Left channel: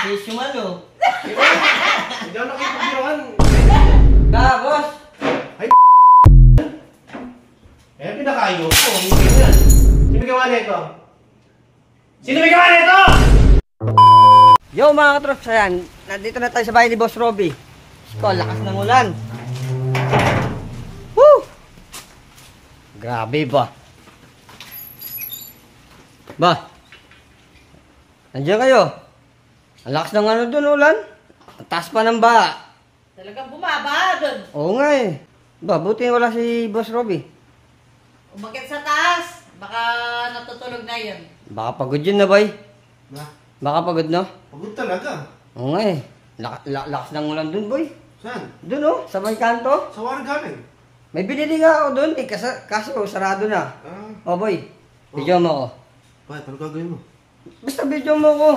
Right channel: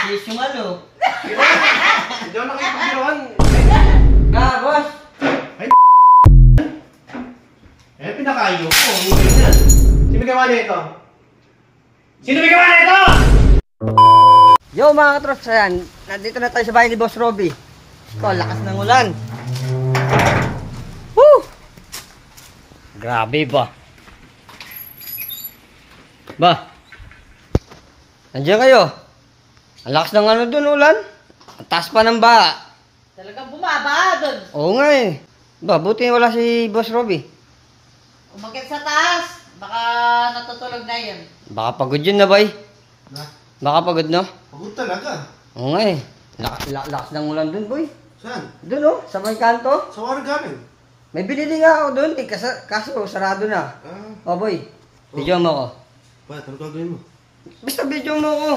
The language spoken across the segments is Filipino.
Sis yung ano. Hindi ako makipaglawan. Na, boss. Ay, eh, pinakayo. Oh, hindi yan. Sino gawa nito? Sino may gawa nito? Yo mga katrops, ayan. Nandito na tayo sa bahay ni Boss Robby. Ko, lakas ng ulan. Woo! Grabe ba? Ba? Nandiyan kayo? Ang lakas ng ano dun, ulan? Ang taas pa ng baha. Talagang bumaba doon. Oo nga eh. Ba, buti wala si Boss Robby. Umakyat sa taas. Baka natutulog na yun. Baka pagod yun na, boy. Na, Baka pagod na. pagod talaga. Oo nga eh. Lakas ng ulan dun, boy. Saan? Dun oh, sa may kanto. Sa warang galing. May binili nga ako dun eh, kaso sarado na. Oh boy, video mo ko. Bakit? Ano gagawin mo? Basta video mo ko.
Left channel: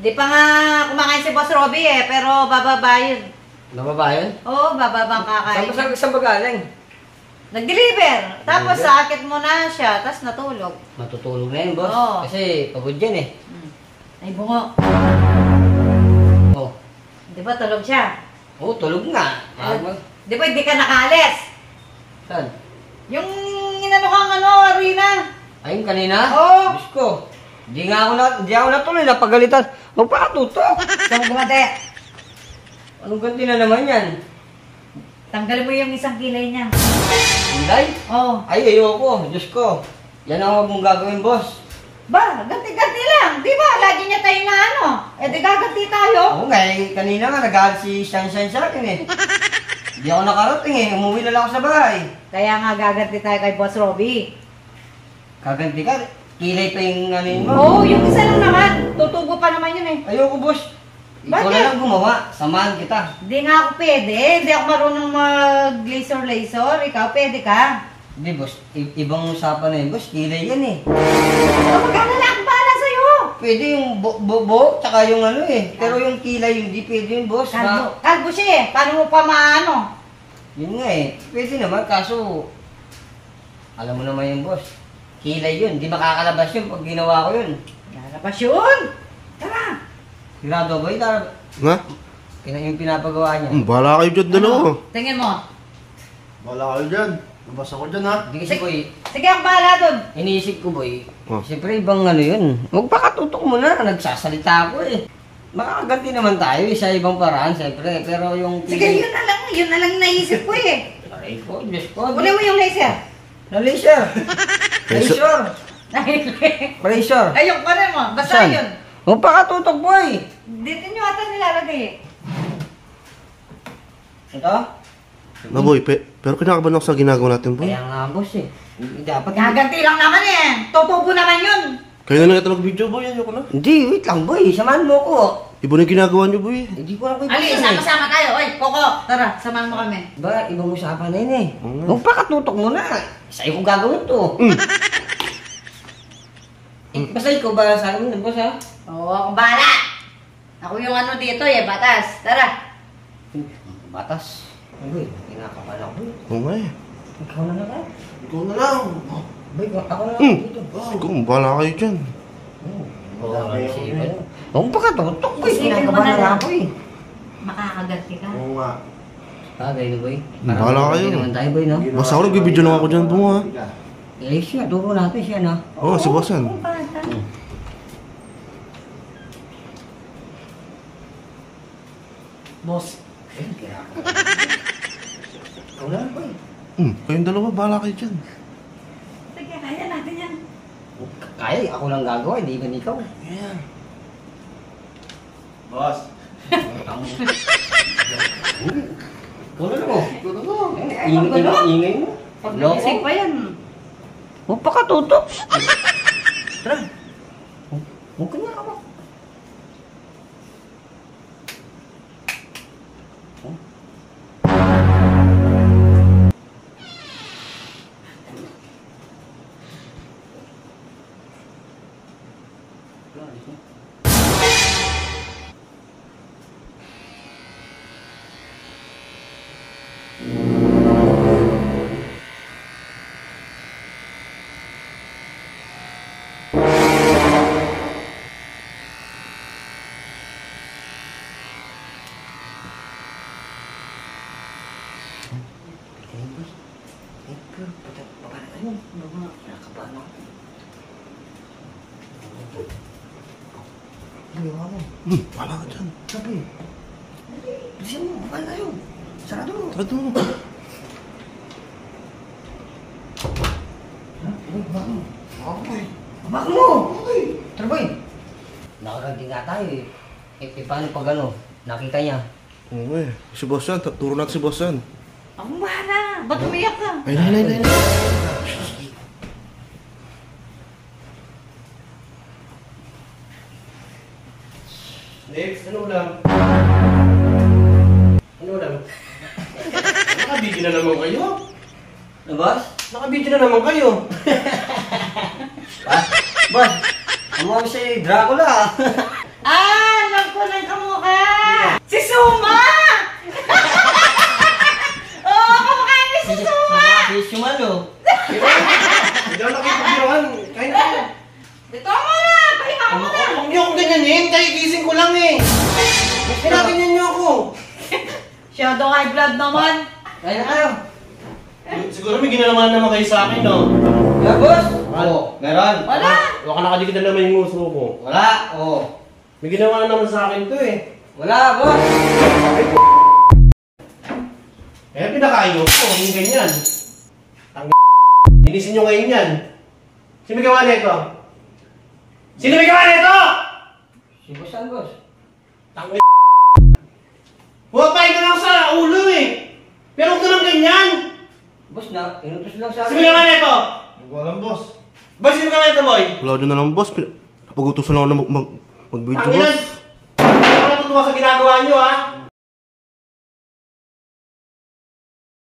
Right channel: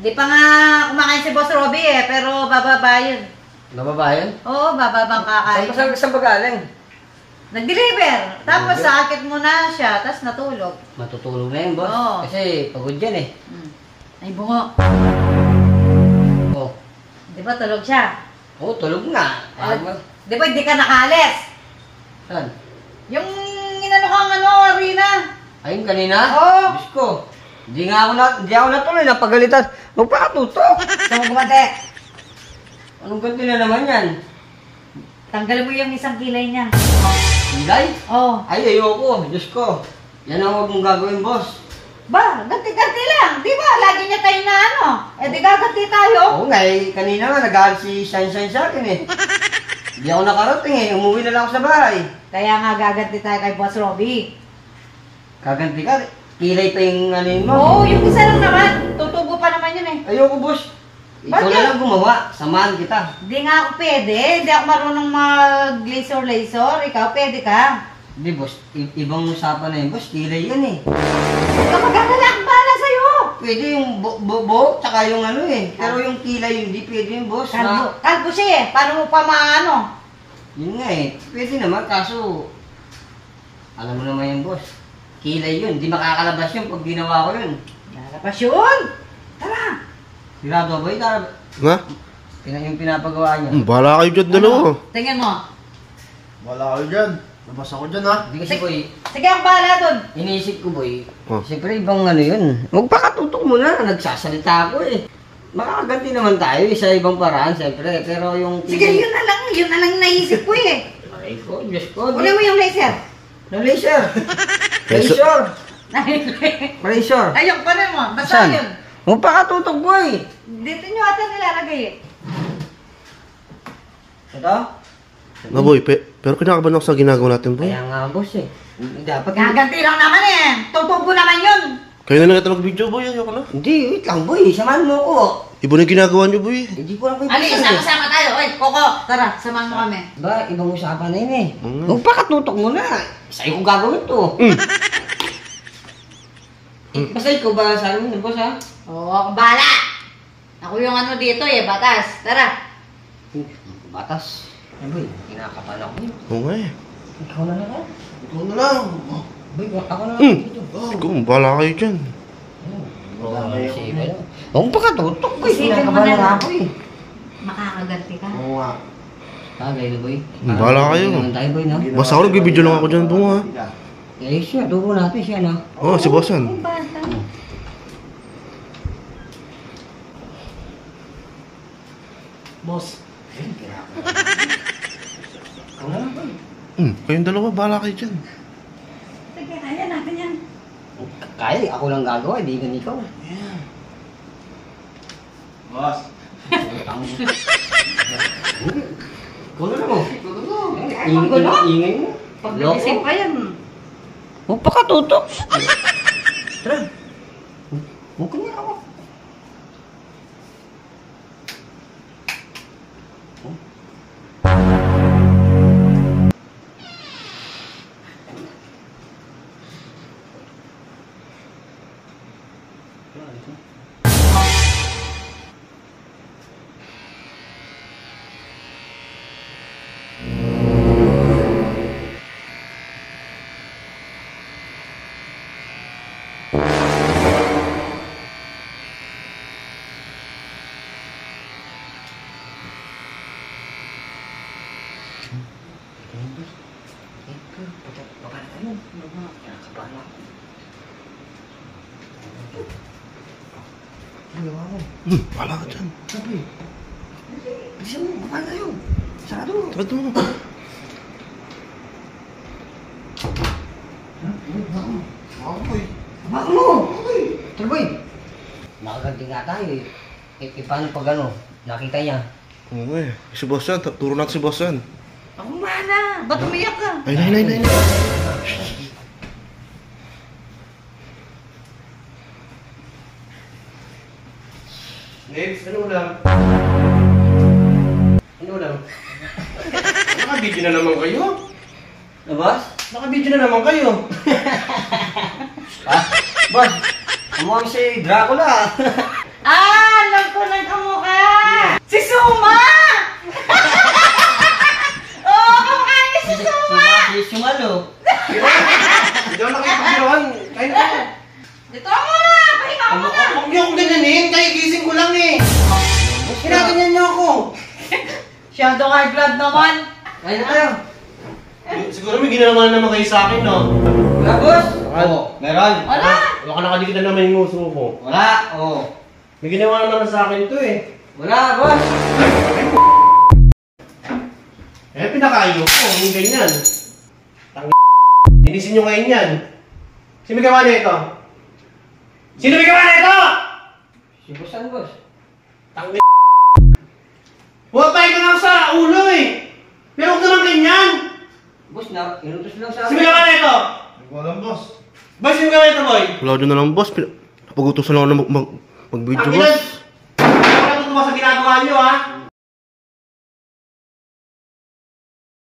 Di pa nga kumakain si Boss Robby eh, pero bababa yun. Mababayan? Oo, bababang kakain. Saan ba galing? Nag-deliver. Tapos sakit mo na siya, tapos natulog. Matutulog na yun, boss. Oo. Kasi pagod yan eh. Ay, bungo. Oh. Di ba tulog siya? Oo, tulog nga. Di ba hindi ka nakalis? Saan? Yung inano kang arena. Ayun kanina? Oo. Diyos ko. Hindi ako natuloy, napagalitan. Magpakatutok. Saan mo gumante? Anong ganti na naman yan? Tanggal mo yung isang kilay niya. Hilay? Oo. Ay, ayoko. Diyos ko. Yan ang huwag mong gagawin, boss. Ba, ganti-ganti lang. Di ba? Lagi niya tayo na ano. Eh, di gaganti tayo. Oo nga eh. Kanina nga nag-aaral si Shine sa akin eh. Hindi ako nakarating eh. Umuwi na lang ako sa bahay. Kaya nga gaganti tayo kay Boss Robby. Kaganti ka. Kilay pa yung ano yun mo. Oo, yung isa lang naman. Tutubo pa naman yun eh. Ayoko, boss. Ikaw Bakit? na lang gumawa. Samahan kita. Hindi nga ako pwede. Hindi ako marunong mag-laser-laser. Ikaw pwede ka. Hindi, boss. Ibang usapan na yun, boss. Kilay yan eh. Magkakala akong bahala sa'yo. Pwede yung buhok, tsaka yung ano eh. Pero yung kilay, hindi pwede yun, boss. Kalbo siya eh. Paano mo pa maano? Yun nga eh. Pwede naman, kaso... Alam mo naman yun, boss. Kilay yun. Hindi makakalabas yun pag ginawa ko yun. Lalabas yun. Tara. Sigurado ba yun? Na? Yung pinapagawa niya. Bahala kayo dyan dalawa. Tingin mo. Bahala kayo dyan. Nabas ako dyan ha. Hindi kasi, boy, Sige, ako bahala dun. iniisip ko, boy. Oh. Siyempre, ibang ano yun. Magpakatutok mo na. Nagsasalita ako eh. Makakaganti naman tayo sa ibang paraan, siyempre. Pero yung... Sige, yun na lang. Yun na lang naisip ko eh. Aray ko, Diyos ko. Uli mo yung laser. Na laser. Laser. Laser. Ayun pa rin mo. Basta Saan? yun. Magpakatutok, boy. Dito nyo ata nilalagay eh. Ito? Na boy, pero kinakabahan ako sa ginagawa natin boy. Kaya nga, boss eh. Dapat... Gaganti lang naman eh. Tutubo naman yun. Kayo na lang ito mag-video boy, ayoko na. Hindi, wait lang, boy. Samahan mo ko. Iba na yung ginagawa niyo boy. Hindi ko lang kayo Ali, sama-sama tayo. Oy, Coco, tara, samahan mo kami. Ba, ibang usapan na yun eh. Magpakatutok mo na. Sa'yo ko gagawin to. Basta ikaw ba sa amin, boss ha? Oo, akong bahala. Ako yung ano dito eh, batas. Tara. Batas. Ay, boy, kinakapan ako eh. Oo nga eh. Ikaw na lang. Ikaw na lang. Boy, ako na lang. Ikaw, bahala kayo dyan. Magpakatutok, boy. Isipin mo Kinakapan na na lang. ako eh. Makakaganti ka. Oo nga. Tagay, boy. Bahala kayo. Hindi naman tayo, boy, no? Basta ako nag-video lang ako dyan bunga ha. Eh, siya. Dugo natin siya, no? Oo, si Bossan. Kung bata. Boss. Ikaw na lang, boy. Kayong dalawa, bahala kayo dyan. Sige, kaya natin yan. Kaya, ako lang gagawa, hindi gan ikaw. Boss. Kulo na mo. Ay, magulo. Ingay mo. Pag-isip pa yan. Magpakatutok. Tara. Huwag ka niya ako. Ano ba? Kinakabahan ako. Ano gawa mo? Wala ka dyan. Sabi. Bilisan mo, kapal tayo. Sarado mo. Sarado mo. Baka mo. Ako boy. Baka mo. Tara boy. Nakaganti nga tayo eh. Paano pag ano? Nakita niya. Oo eh. Si boss yan. Turo natin si boss yan. Ako mana. Ba't umiyak ka? Ay, nay. Next, ano ulam? Ano ulam? Nakabidyo na naman kayo. Ano boss? Nakabidyo na naman kayo. Boss, amo si Dracula. Alam ko ng kamukha! Si Suma! Oo, kamukha niya si Suma! Si Sumalo. Hindi naman makipagbiruan. Kain ka. Dito ako na! Pahinga ko muna! Huwag niyo akong ganyanin. Kagigising ko lang eh. Kinaganyan niyo ako. Shadow high blood naman! Kaya na tayo. Siguro may ginawa naman kayo sa akin, no? Wala boss? Wala. Oo, meron. Wala! Baka nakadikit na naman yung uso ko. Wala. Oo. May ginawa na naman sa akin to eh. Wala boss. Eh, pinakayo ko. Yung ganyan. Linisin nyo ngayon yan. Sino may gawa nito? Sino may gawa nito? Si boss ang boss. Huwag ka lang sa ulo eh. Pero huwag ka lang ganyan. Boss na, inutos lang sa Sino may gawa nito? Hindi ko alam, boss. Boy, sino may gawa nito, boy? Wala din na lang, boss. Napagutusan lang ako na mag-video, Ang boss. ilan? Hindi ko natutuwa sa ginagawa nyo, ha?